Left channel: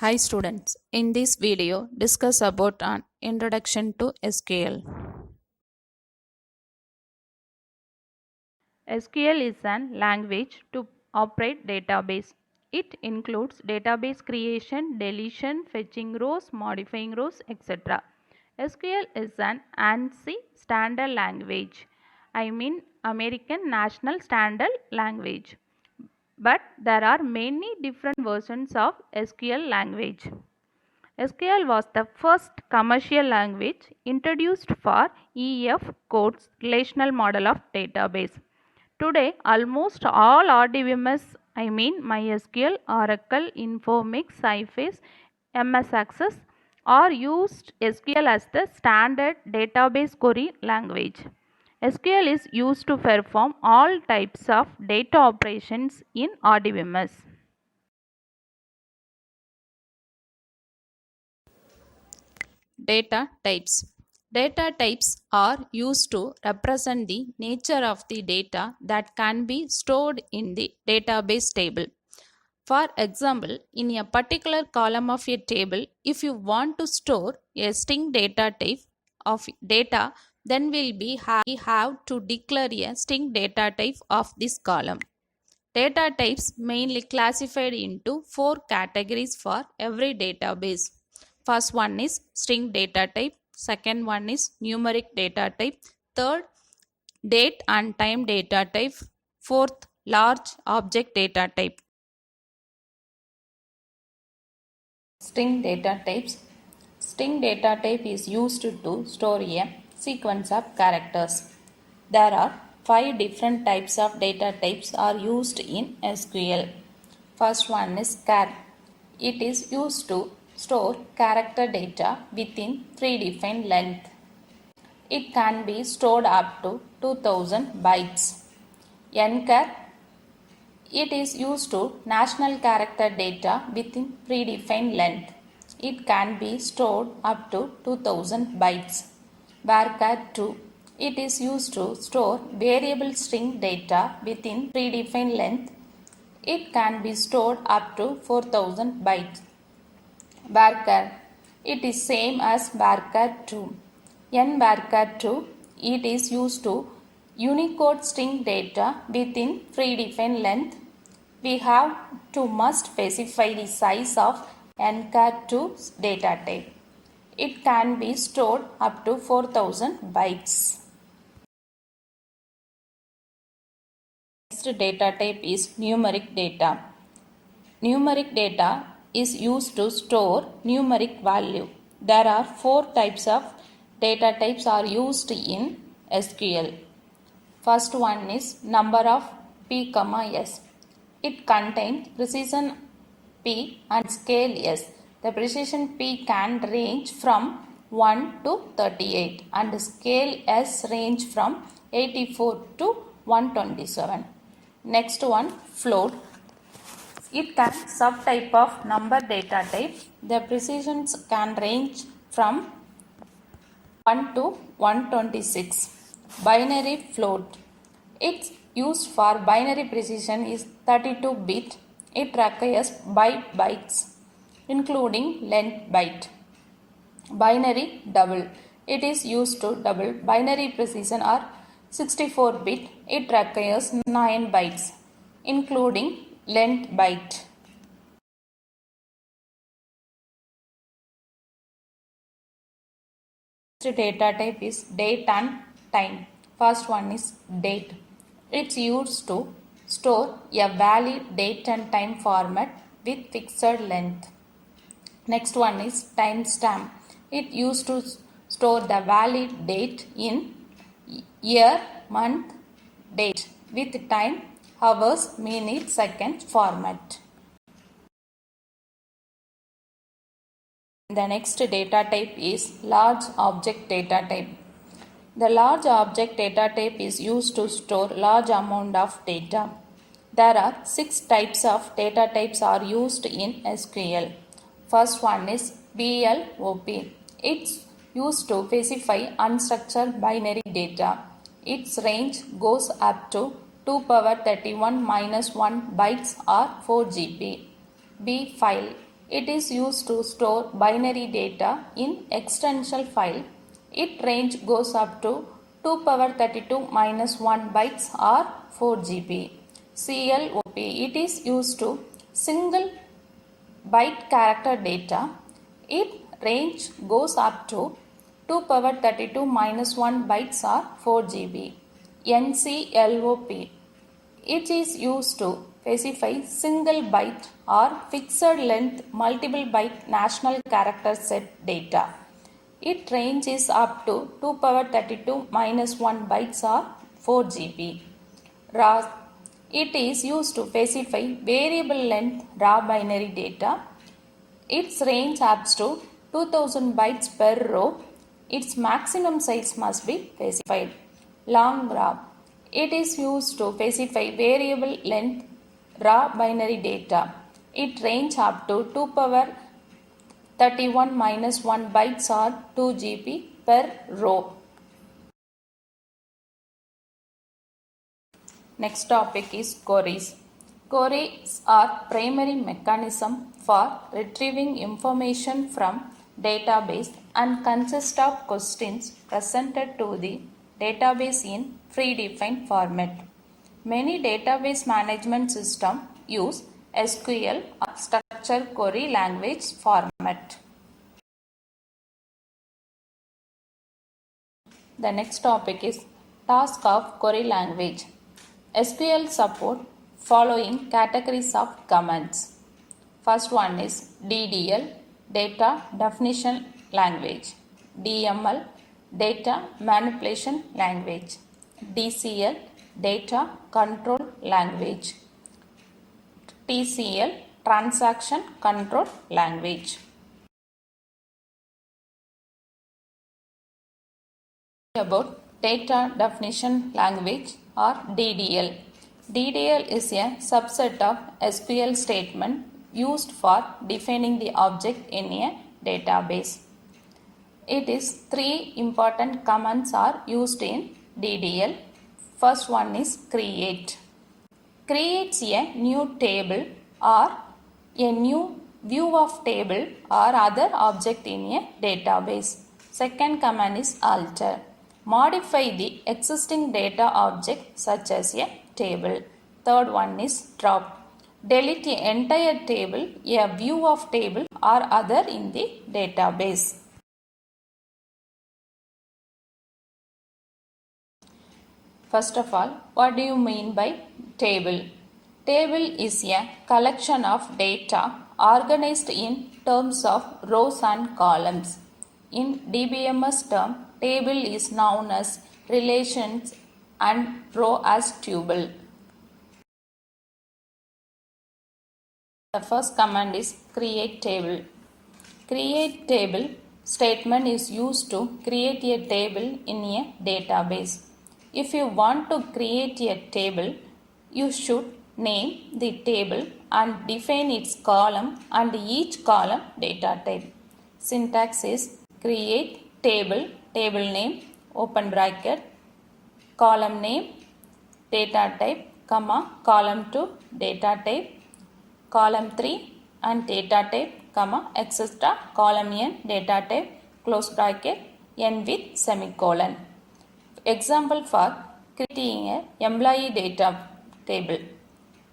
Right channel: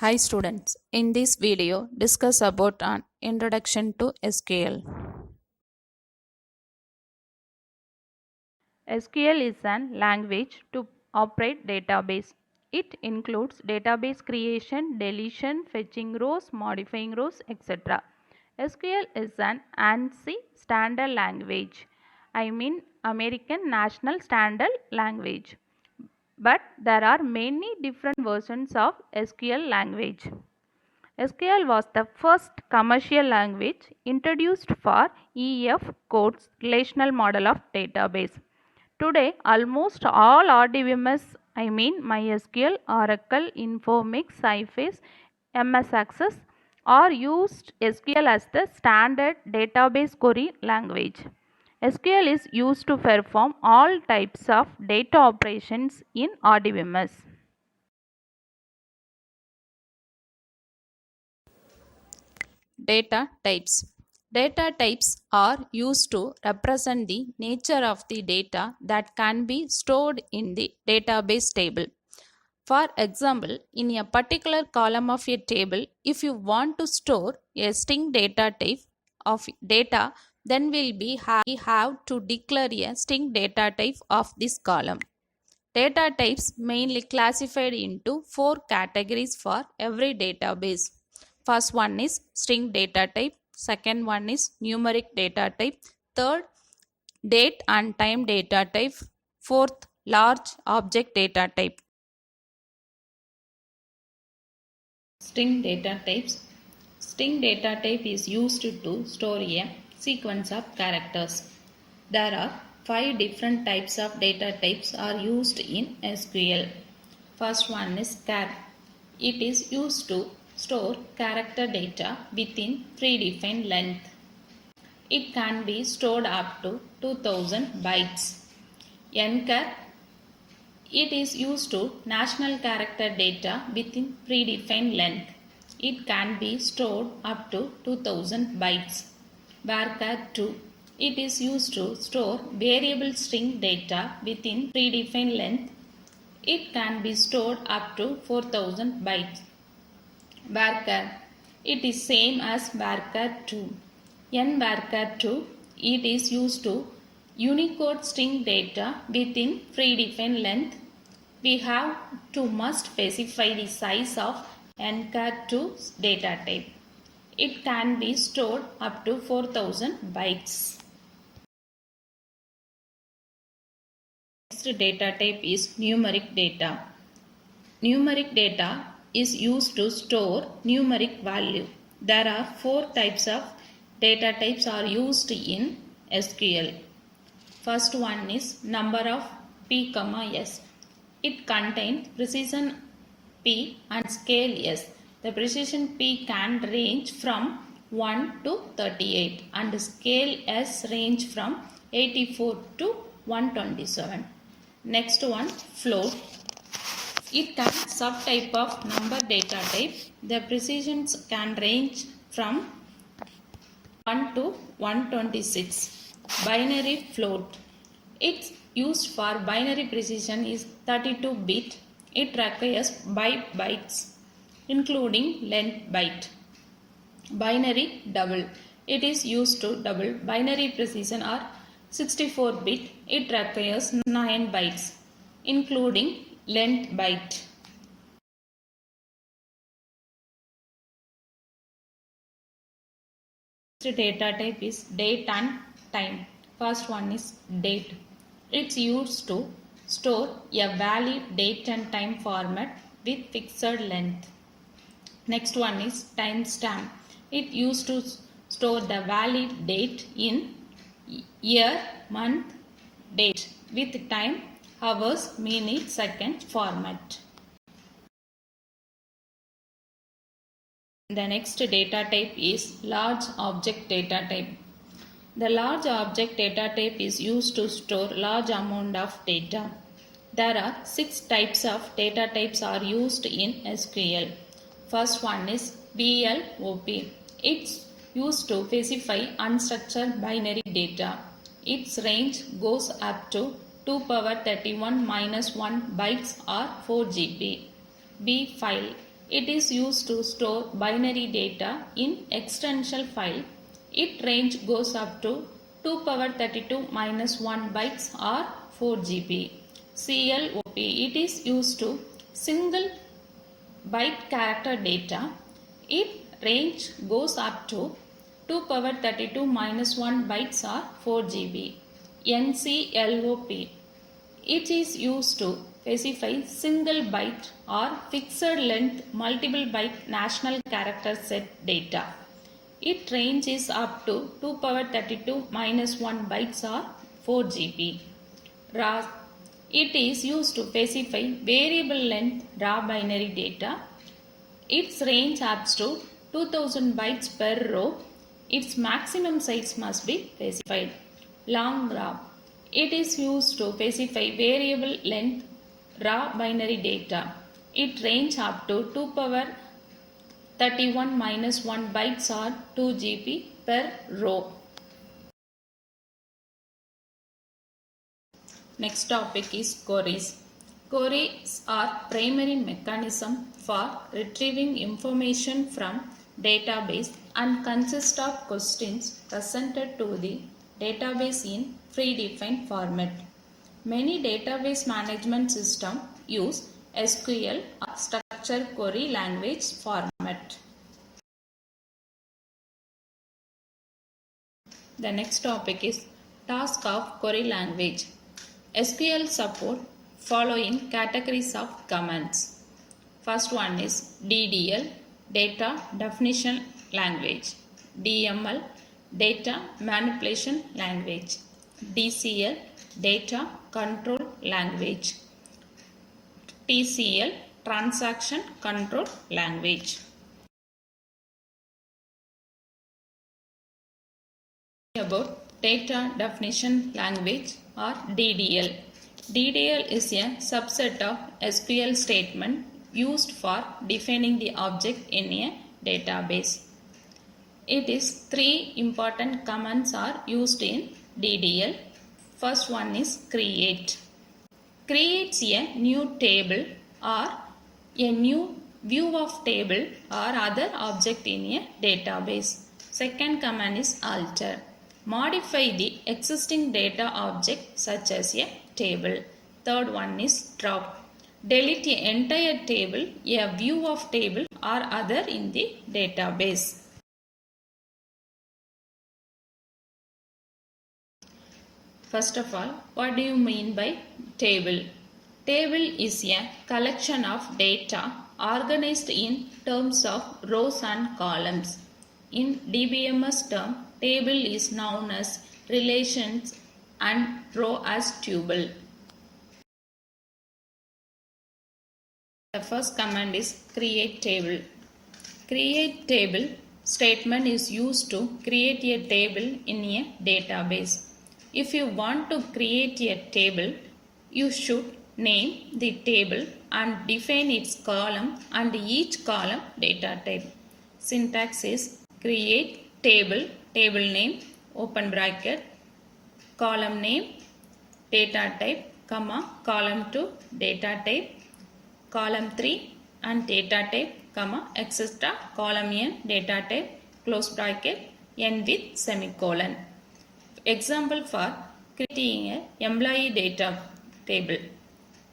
Hi students, in this video discuss about an introduction to SQL. SQL is an language to operate database. It includes database creation, deletion, fetching rows, modifying rows, etc. SQL is an ANSI standard language. I mean American National Standard Language. But there are many different versions of SQL language. SQL was the first commercial language introduced for EF codes relational model of database. Today, almost all RDBMS, I mean MySQL, Oracle, Informix, Sybase, MS Access, are used SQL as the standard database query language. SQL is used to perform all types of data operations in RDBMS. Data types. Data types are used to represent the nature of the data that can be stored in the database table. For example, in a particular column of a table, if you want to store a string data type of data, then we have to declare a string data type of this column. Data types mainly classified into four categories for every database. First one is string data type, second one is numeric data type, third date and time data type, fourth large object data type. String data types. String data type is used to store a sequence of characters. There are 5 different types of data types are used in SQL. First one is char. It is used to store character data within predefined length. It can be stored up to 2000 bytes. Nchar. It is used to national character data within predefined length. It can be stored up to 2000 bytes. Varchar2. It is used to store variable string data within predefined length. It can be stored up to 4000 bytes. Varchar. It is same as Varchar2. Nvarchar2. It is used to Unicode string data within predefined length. We have to must specify the size of nchar2 data type. It can be stored up to 4000 bytes. Next data type is numeric data. Numeric data is used to store numeric value. There are 4 types of data types are used in SQL. First one is number of p, s. It contains precision p and scale s. The precision p can range from 1 to 38 and scale s range from 84 to 127. Next one, float. It can subtype of number data type. The precisions can range from 1 to 126. Binary float. Its used for binary precision is 32-bit. It requires bytes including length byte. Binary double. It is used to double binary precision or 64-bit. It requires 9 bytes including length byte. Next data type is date and time. First one is date. It's used to store a valid date and time format with fixed length. Next one is timestamp. It used to store the valid date in year, month, date with time, hours, minutes, seconds format. The next data type is large object data type. The large object data type is used to store large amount of data. There are 6 types of data types are used in SQL. First one is VLOP. It's used to specify unstructured binary data. Its range goes up to 2 power 31 minus 1 bytes or 4 GB. B file. It is used to store binary data in extension file. Its range goes up to 2 power 32 minus 1 bytes or 4 GB. CLOP, it is used to single byte character data. Its range goes up to 2 power 32 minus 1 bytes or 4 GB. NCLOP, it is used to specify single byte or fixed length multiple byte national character set data. Its range is up to 2 power 32 minus 1 bytes or 4 GB. RAW, it is used to specify variable length raw binary data. Its range up to 2000 bytes per row. Its maximum size must be specified. Long raw, it is used to specify variable length raw binary data. It range up to 2 power 31 minus 1 bytes or 2 GB per row. Next topic is queries. Queries are primary mechanism for retrieving information from database and consist of questions presented to the database in predefined format. Many database management systems use SQL or structured query language format. The next topic is task of query language. SQL support following categories of commands. First one is DDL, data definition language. DML, data manipulation language. DCL, data control language. TCL, transaction control language. About data definition language or DDL. DDL is a subset of SQL statement used for defining the object in a database. It is three important commands are used in DDL. First one is create. Creates a new table or a new view of table or other object in a database. Second command is alter. Modify the existing data object such as a table. Third one is drop. Delete the entire table, a view of table or other in the database. First of all, what do you mean by table? Table is a collection of data organized in terms of rows and columns. In DBMS term, table is known as relations and row as tuple. The first command is create table. Create table statement is used to create a table in a database. If you want to create a table, you should name the table and define its column and each column data type. Syntax is create table, table name, open bracket, column name, data type, comma, column 2, data type, column 3 and data type, comma, etc. Column n, data type, close bracket, n with semicolon. Example for creating a employee data table.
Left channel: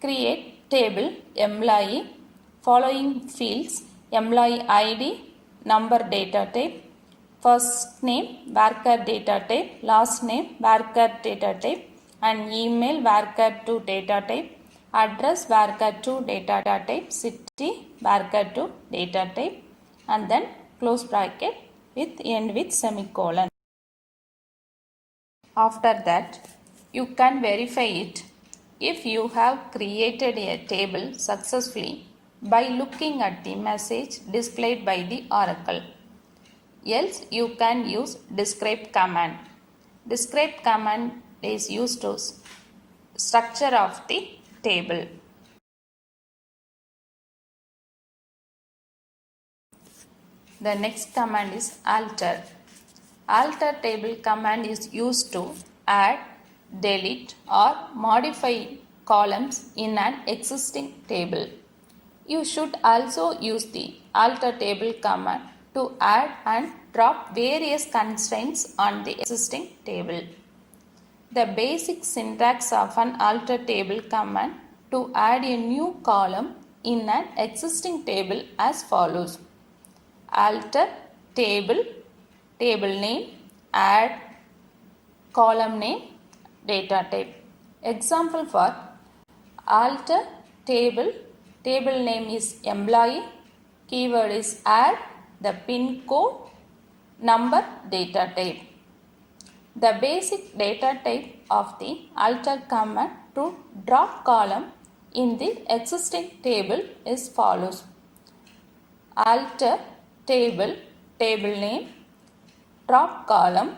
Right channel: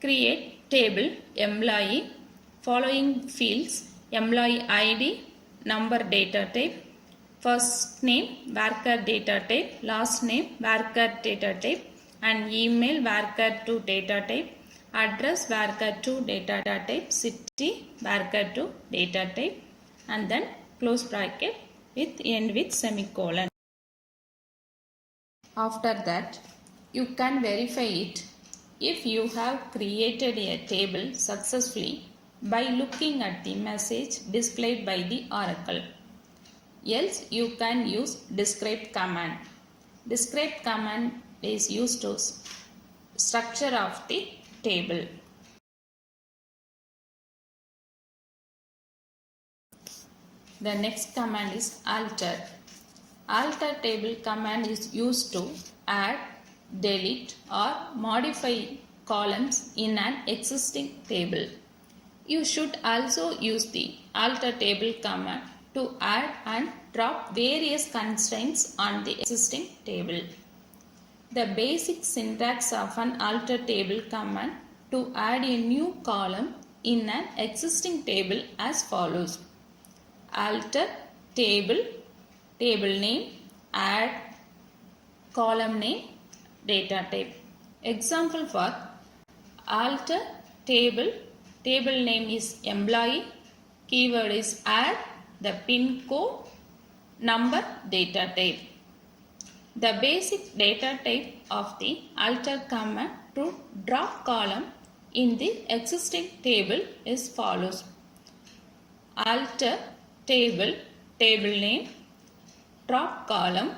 Create table employee, following fields, employee ID, number data type, first name varchar data type, last name varchar data type, and email varchar2 data type, address varchar2 data type, city varchar2 data type, and then close bracket with end with semicolon. After that, you can verify it if you have created a table successfully by looking at the message displayed by the Oracle. Else you can use describe command. Describe command is used to structure of the table. The next command is alter. Alter table command is used to add, delete or modify columns in an existing table. You should also use the alter table command to add and drop various constraints on the existing table. The basic syntax of an alter table command to add a new column in an existing table as follows. Alter table, table name, add column name, data type. Example for alter table, table name is employee, keyword is add, the pin code, number, data type. The basic data type of the alter command to drop column in the existing table is follows. Alter table, table name, drop column,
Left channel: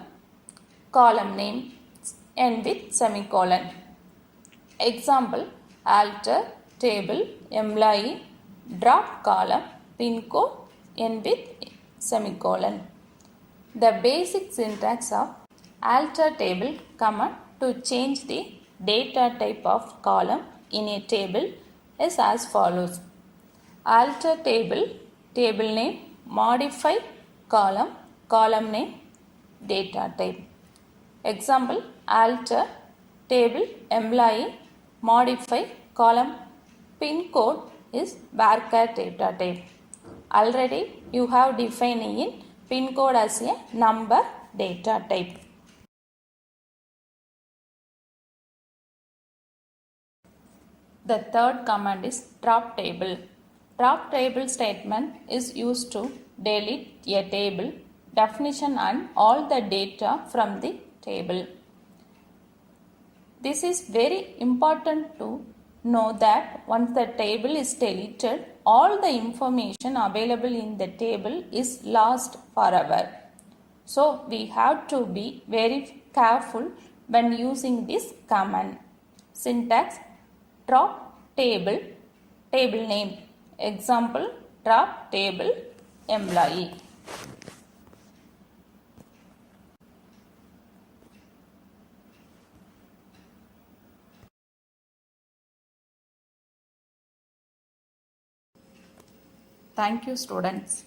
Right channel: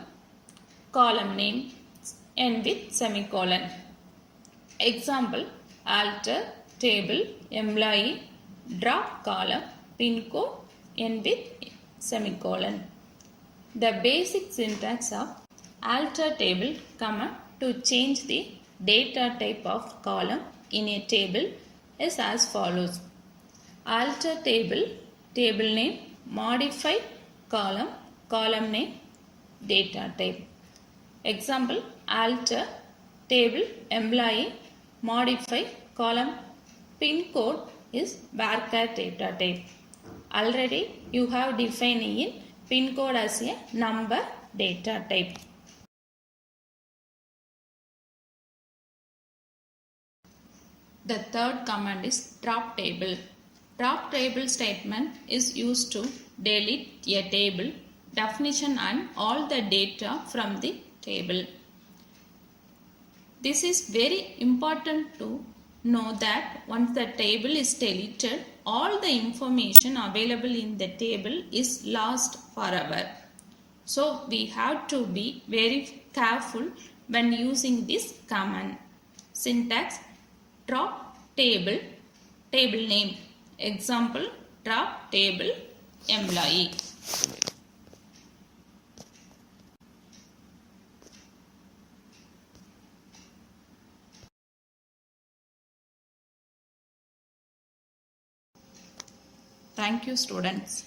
column name, end with semicolon. Example, alter table, employee, drop column, pin code, end with semicolon. The basic syntax of alter table command to change the data type of column in a table is as follows. Alter table, table name, modify column, column name, data type. Example, alter table, employee, modify column, pin code is varchar data type. Already you have defined in pin code as a number data type. The third command is drop table. Drop table statement is used to delete a table, definition and all the data from the table. This is very important to know that once the table is deleted, all the information available in the table is lost forever. So we have to be very careful when using this command. Syntax, drop table, table name. Example, drop table, employee. Thank you, students.